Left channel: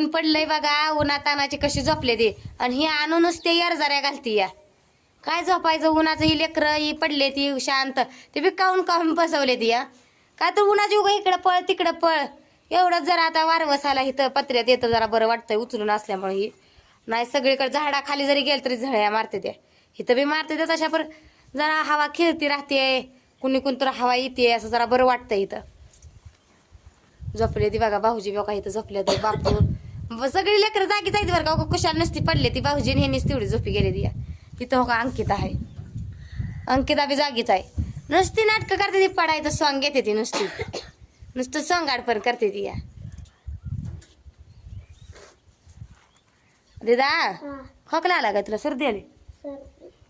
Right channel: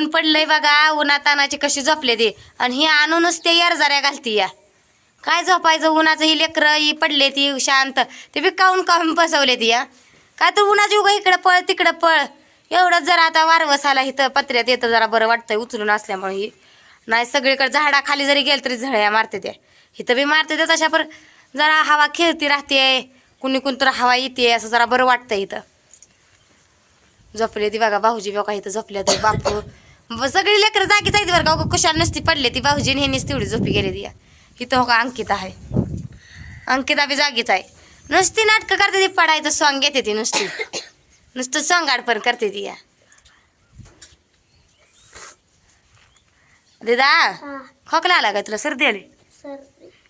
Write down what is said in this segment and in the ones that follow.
ऊन पडलंय बघा उन्हा तानाची कशी झोपले ते. आणि ही आणूनच ते यारजाऱ्या घालती या. काय झोपायचं? उन्हाचं ही लेकरं ही पडले ती शांत. ते बी काऊन काऊन बसवले ती या? काय तर उन्हाची उगा इकडं पळ तिकडं पळ. एवढंच जरा आता वारवस आला इथं पत्र्यात येतं जरा बरं वाटतंय उचलून असल्यामुळे ही. नाही सगळीकडे झाडाखाली जरी गेलं तरी झळ्या मारते त्या. इथं बी मारते त्या तशा पर जरा हवा खेळती राहते. कुणी कुणी तर हवा येते असं जरा बरं वाटतं इथं. झोपले ती बघा भाऊजी बघा इथं झोपले ते बापू. ब- सगळी लेकरं जागी जायची बरं का. कुशाल नसती पडले ती भाऊजी आणि ह्यांनीच तेवढी झोपी गेली ती. इथं हो का अंकिता आहे. अंकिता बी जागीच आहे. नुसती नाटकं करते ती पडायचं सॉंग घेते ती नुसती. नुसतं सॉंग आडपण करते ती या. दिदा खोकला आला का तुला? सर्दी आली?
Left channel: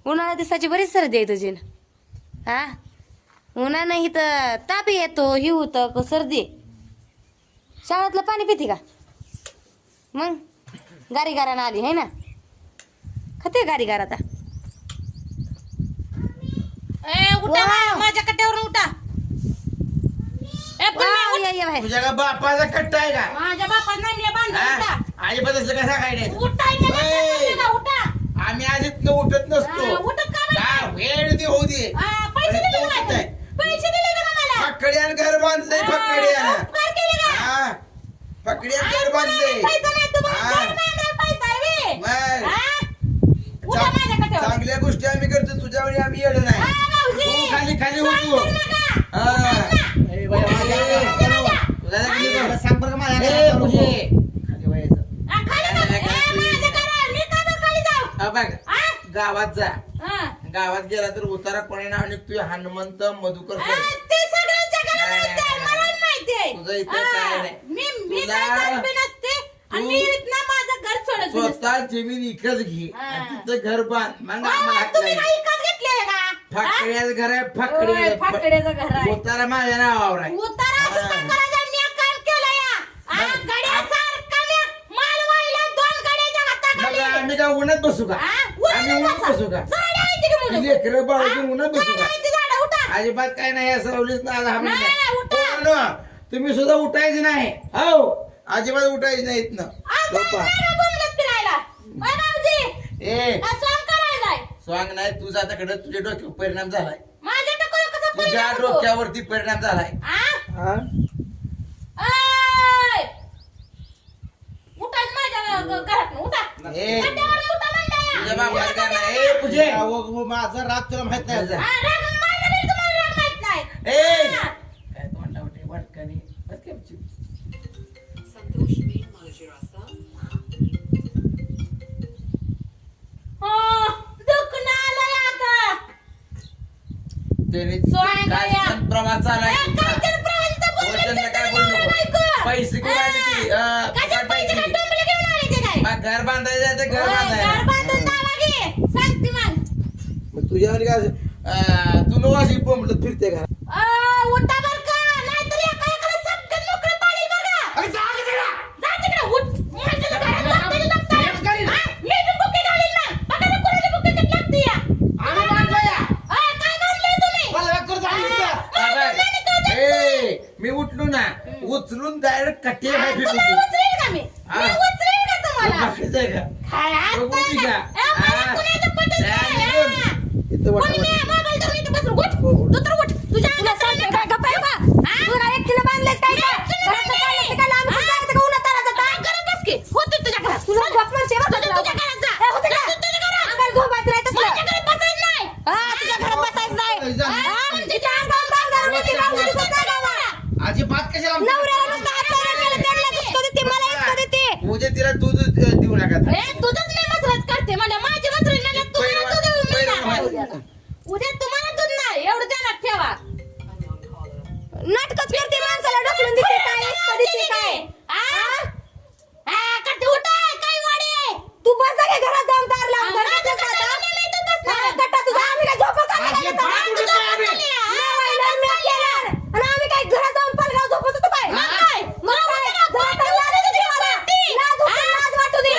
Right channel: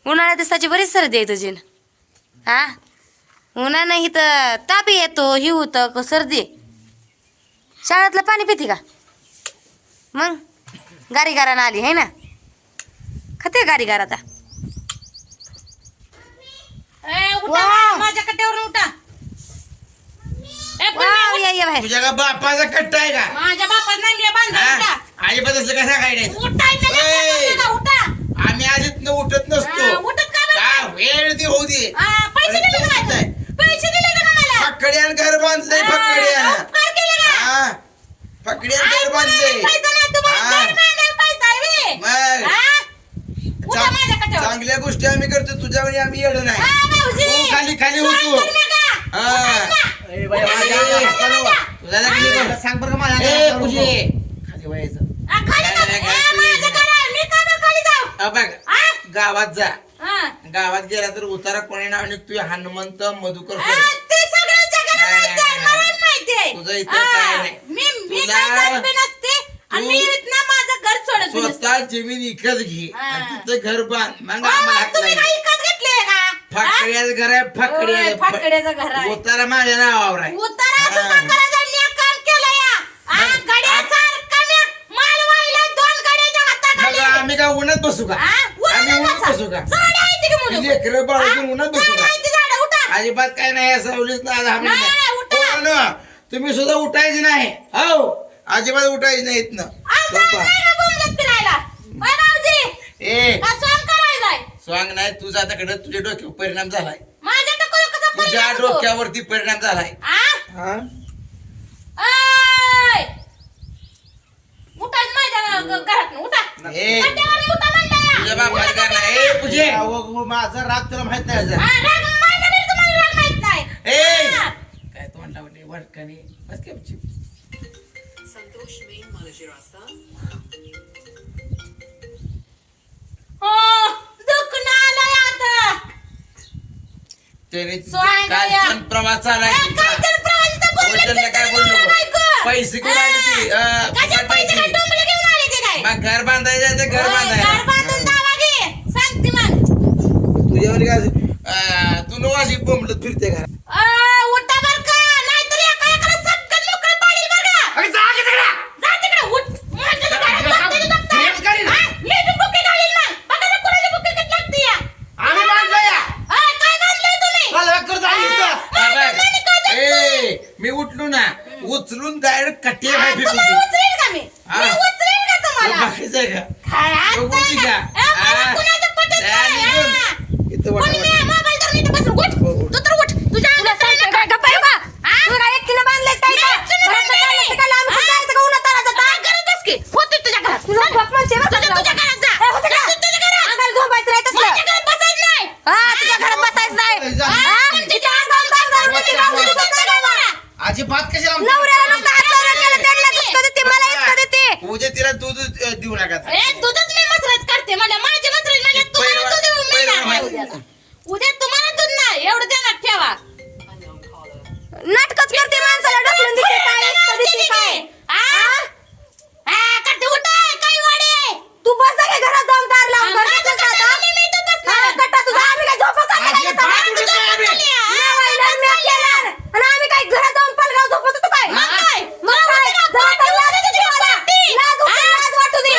उन्हाळ्यात दिवसाची बरीच सर्दी आहे तुझी. हा? उन्हानं इथं ताप येतो ही होतं क सर्दी. शाळेतलं पाणी पिते का? मग? गारी गारानं आली आहे ना? खाते गारी गार आता. ए, उठा माझ्या कट्ट्यावरून तुझ्या का बापाचा कट्टा आहे का? माझ्या बांधा उठा. हा? कसं काय नाही? उठा आम्ही आधीच न उठत हा, नसतो उठत का बरं? का वेळ दे होऊ दे. हा, पैसे अरे, दिले तो का उठत माझे? आहे. पैसे दिले का मला? फकड्यान घर बांधलंय फकड्यान हा, उपकार केले का? हा. फकड्यान घर आ, बांधलंय पैसा नाही तुम्हाला. घर बांधायला पैसा आहे बे. मग? उठा चा- माझ्या कट्ट्यावर. चांगल्या गोष्टी आम्ही करतो तुझ्यावर आम्ही येड नाही हा. तू खाली खाली होतो. हा. सांग बरं माझ्या? गावात जा हा. गावात गेला तर उतारा कोणी नाव निघतोय हनुमंत मधुकर सर. ते सगळं जगाला नाही, माहिती आहे, नाही, मला माहिती आहे. तुझं इथं काय नाही. मी तुला- काय जात बी नसते आणि मी इथनं माझं घर सोडत बी नसते. स्वतः जमीन विकत घे हा. तिथं घर बांध मग हा, आम्हाला हात तुम्ही. काय विकत घेतले का हा? फाकड्याचं घर आहे होय, फाकड्या फाकड्याचं घर आहे उतारा माझ्या नावावर आहे उतारा हा. सुद्धा केलं या हा, मग- गड्यासारखं मी माल वाहिला दोन गड्याच्या मग हाताखाली आम्ही काय उन्हात बसू का हा, आम्ही उन्हात उन्हात बसा. बसू का झाडं आहेत की मुलं? लेकरं बाळगून हा? उन्हात बसू झाडं का? झाडं? उठा. अजिबात काय नाही असं सावलीच नाही नाही, नाही. उठा. पोरांनो, तुम्ही सुद्धा उठायचे नाही. हो. अजिबात उठायचे नाही इथनं. झोपा. ए? स्वांग नाही तुझा आता तुझ्या डोक्यावर परिणाम झालाय. तुझ्या? डोक्यावरती परिणाम झालाय. आ? हा? ए. तुझ्या बापाला काय नाही. ए पूजे. अहो, माझा राग तुला माहीत नाही. हा, राग माझा बी तुम्हाला राग माहीत नाही. ए. हा. काय तोंडा बस काय उची. संतोष मेन हो. त्याने या. छान प्रवास वचनला काय. पैसे कुठं आले ते? हा. पैसे काय टोमलं घेऊन आले ते काय? मग घर बांधायचं ते घर घर. तुझ्यावर काय तू नवाशी बोंबलत फिरते घरात अ, उठा बरं का, नाहीतर एका एकाला सटकन मोकळं पाडील बरं का. जा तिकडे, उठ. माझ्या घरात लागते ना दप्तर. हा, मी बी बुकी घालीन मग. बघा ना कोणाची बुकी किती लागते या. आम्ही बांधलं या अ, काय बांधलंय तुम्ही? मला करतो आम्ही इथं. हा, हा, माझं बघ. नाणी काय देत ए मी उठलो ना उचलून डायरेक्ट कट्टे बाहेर फेकून तुम्हाला देईन. उचलेल का मी? हा. मी उचलेल का तुम्हाला? बाकीचं आहे का काय आता बघू ती का? ए, मला हा. कुणाचं पटत जा नाही, निघून. हा. इथं वाटा कोणी वाटा. नाही, मोबाईल अजिबात येतात? उठत नाही आम्ही. जेवायला मी केला. आणि आम्ही काय घरात जाऊन पलगाव झोपत होतो काय मग काय? मग काय? जरा तर लाज वाटू दे मला. लाज वाटू- लाज वाटू दे.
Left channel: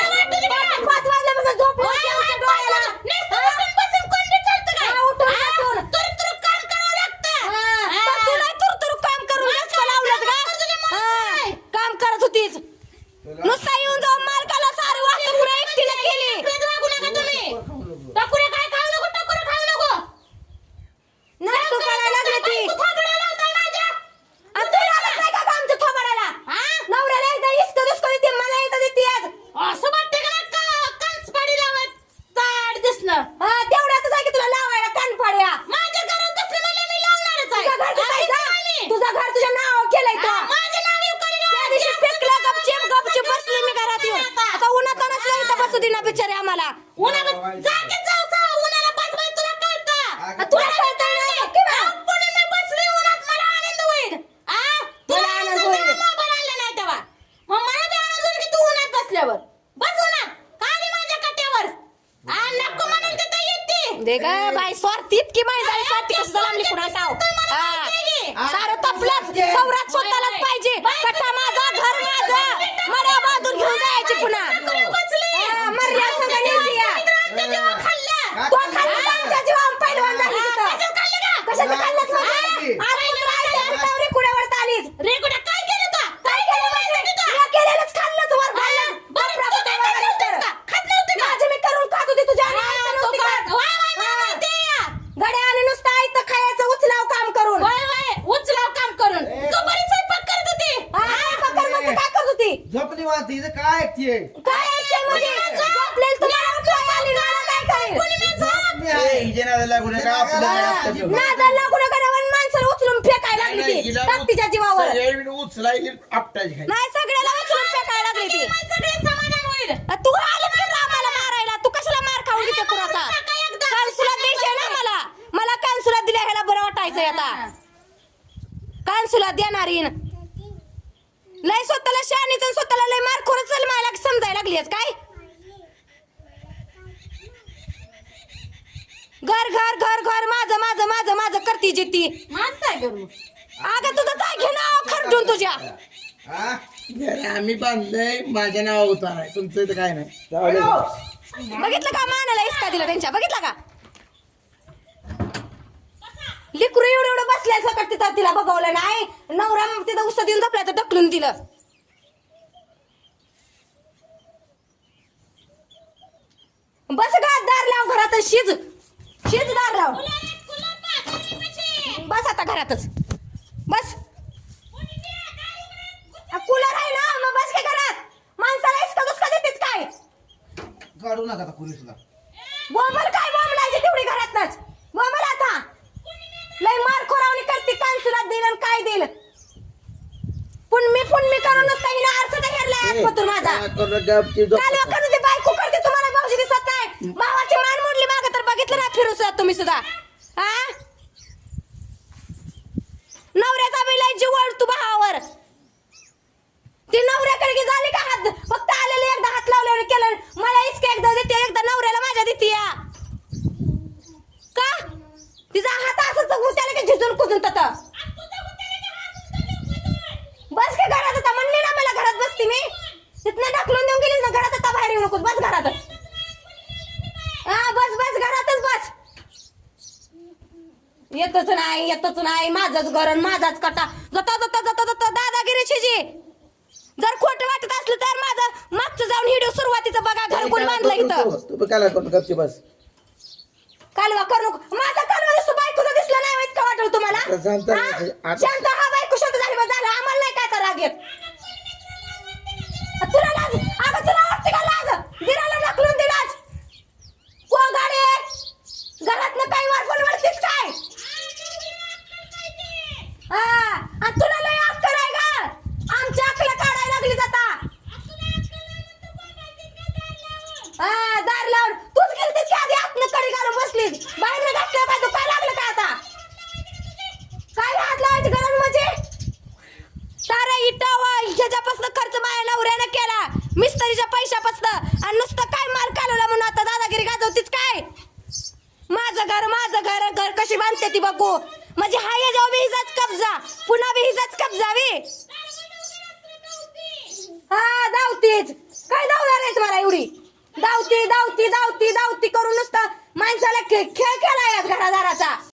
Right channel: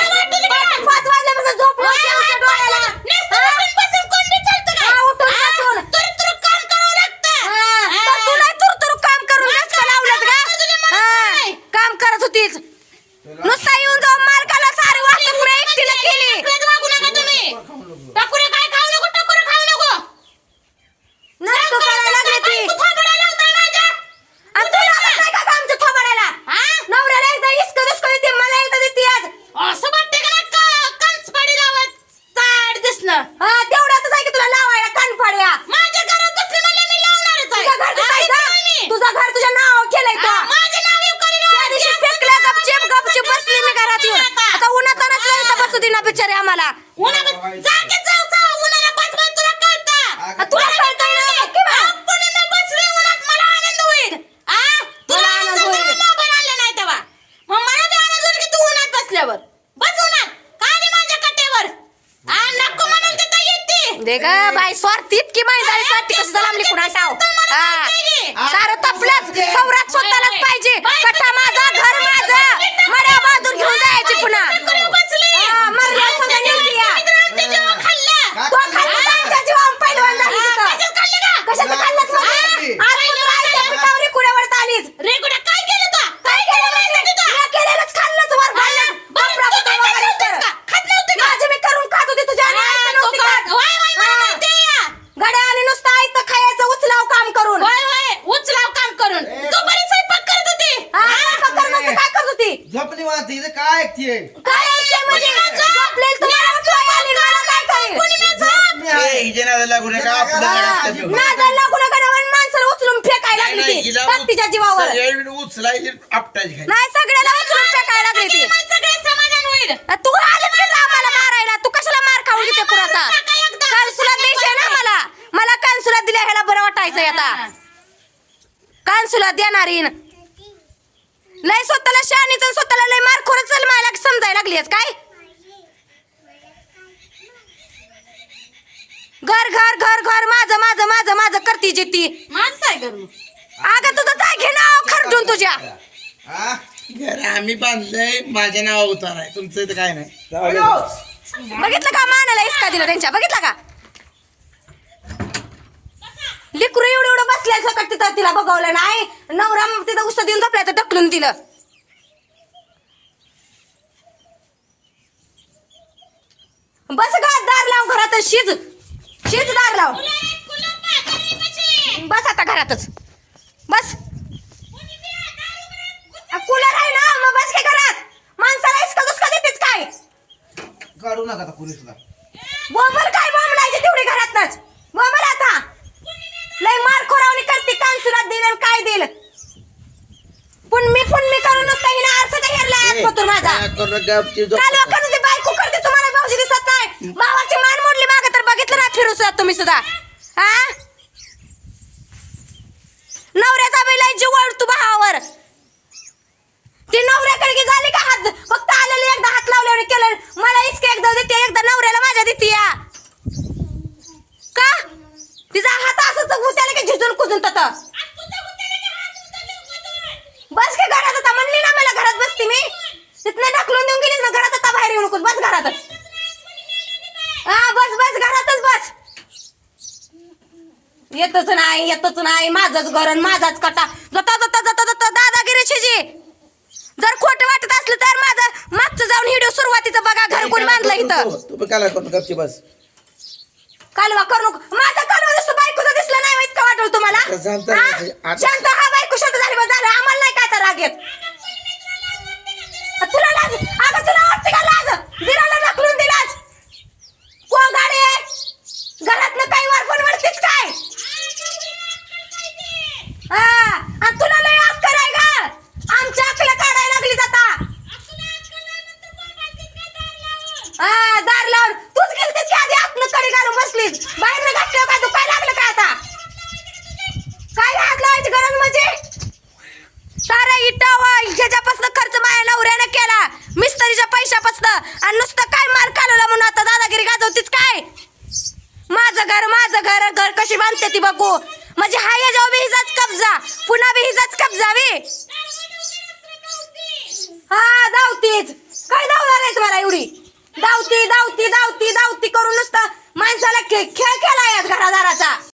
तुला वाटू दे का? बसली मी घरात येऊन आता उन्हात नसलं इथं बसू दे ना बिचारे उन्हा जा की जाऊ जाऊ. उन्हाला बस बाई तुला कळतं? आ, तुला कळतंय ना की बा? मी बसले उन्हात. मला आनंद होईल. आ तुला आनंद होईल. मोबाईल आणला नाही तेव्हा. मग मला बी आनंद होईल की तू उन्हात बसल्यावर? बस उन्हात. का आली माझ्या कट्ट्यावर आ नको म्हणून तिथं येते. दे ग बाई स्वार्थी इतकी माहिती आहे स्वार्थी कशी लांबली कुणा हा सारं तपलंच सौरात स्वतःलाच पाहिजे कट्टा माझा घर माझं मड्या बाजून घेऊन जायची पुन्हा हा, मरल्या संग न्यायची या. तो खाल्ली का आमच्या जीवावर पैलवान झाली तिथं. कशाचं खाल्लंच नव्हतं? आज तू राहायच्या पिठावर कुड्यावर आलीस काय केलं तू काय केलं म्हणजे? तुला केलेलंच खाल्लंच वर खाल्लं. बापरा बापरा वगैरे तर. माझं मी करून खात होते तुझ्या आणि आईचं नव्हती खात. हा. गड्या आणि नुसतं आईचं खायचं उचलाव काम करून उचलाव काम करून तू बरी स्वयंपाक करत होती हा, स्वयंपाक करून नव्हती काय करत होती झोपली वाहते काय ऐकतीये काय ऐकते म्हणजे? झोपलेलं तुम्हाला मला काय करेल? नादाला लागू नका. हा, माणसाला उचलून फेकायला लागली ती. हिला ताकदीच्या जीवावर. सगळ्या वेळी उचलायची आपटायची खायची. नाही सगळ्याला उचलून फेकायला लागली ती. सगळे समाधान होईल. तू आलीच का आम्हाला मारायला? तू कशाला मार खाऊ घेते कुणाचा? कानसुला द्यायचे ना मला? मला कानसुला दिल्या ह्याला बरं वाटायचंय आता. कानसुला देणारीन लय स्वतःला आणि स्वतःला लय मार खोरच चल मला समजायला लागलीस काय? घर घर घर घर माझं माझं माझं माझं करती जिती माणसं आहे घरून अगं तुझं काय घे ना खरडून तुझ्या. हा? घर आम्ही बांधलंय माझ्या नावा उतार आहे. तुमचं इथं काय नाही. जाऊ दे. बघितलं का मानाला इसका दिला त्यांच्या? बघितलं का? लिकरू एवढं एवढं बसल्या तिथं तिला बघवलं नाही. नवरा तिथं उस्त देऊन झोपल्या तर ढकलून दिलं. बस गा दार लाव घरात शिज. शिज दार लाव. बस आता घरातच. बस. कूलर आहे ना मग बस काय घरात. माणसाला इसका दुसका देतेच काय? काढू नका बोंबल काय बोंबलायचे तेवढी घरातनच बोंबल आता लय मार खोरावणी कांसुरात देईल आणि काय देईल? पुन्मी पुन्मी करून नुसता हिने आरसा काय हेरलाय आज पतूर माझा? काय करू ती झोप- ती बायको करते तुम्हाला भाऊजी दिसत नाही. भावाची मान मोडली मागे तर बघितलं ना फिरू सुद्धा तुम्ही सुद्धा. हा नवऱ्याचा बी लय जीव तू भावावर. ती नवऱ्याकडे की झाली का हात? फक्त आलेले एकदा हात लावल्यावर केलं. मला इसके एकदा देते एकदा नवऱ्याला माझ्या देते या. का? तिचा हात असंच त्याला की झिजून कुजून तत. बस काय घरात आता म्हणली ना मला घरात बसती मी. तिथनं ढकलून देऊन गेलीस ना घरात आता बाहेर येऊ नकोस बस घरातच. हा बस बस घरातच बस. येतच नाही येतच नाही माझंच घर माझाच कटा. जाता जाता जाता जाता दादागिरी शिजी. जर खोटं वाटत असलं तर माझं मागचं जाऊन व्हिडिओ सुरुवातीचं बघा घर कोणी बांधलं इथं. तू- तू काय करू गपची बस. कालवा करू नको. माझा कालवा दिसतो बायकोचा दिसला नाही माहीत का वाटलं तुम्हाला? आता शांत हा? शांत हा बायको शांत झाली बस झालं. आम्हाला नाही काय तुला लाज? अगं तुला वाटते का लाज? ढकलून दिलास को गाडी काही वरतीच काय? हा आणि तुला लय अक्कल आहे का आमच्या अक्कल काढायला लागली आता. हा दार लावून. तूच गेलतीस की आधी आतनं कडे घालून बसलीस. बाहेर घातलं का तू काय लागलं का आता काय हात लावायची गरज म्हणजे सारा इटा ह्याच्यापासून खर्च माझ्या नवऱ्यानं केला. मिस्त्रीच्या पैशापासून. आणि नुसतं काय मार कालवला म्हणून आता दादागिरी गाजवतीच काय? माझं घर माझं घर घर कशी बांधते ती बघू. म्हणजे हाय जाऊ बी हिजाच कब्जा. पुन्हा बी हिजाच कब्जा बी. हा धावतीच. काय धावणार आहे तुम्हाला एवढी? धावती धावती धावती धावती करून नुसतं माणसाला खेळ खेळ खेळला या घरादाराचा.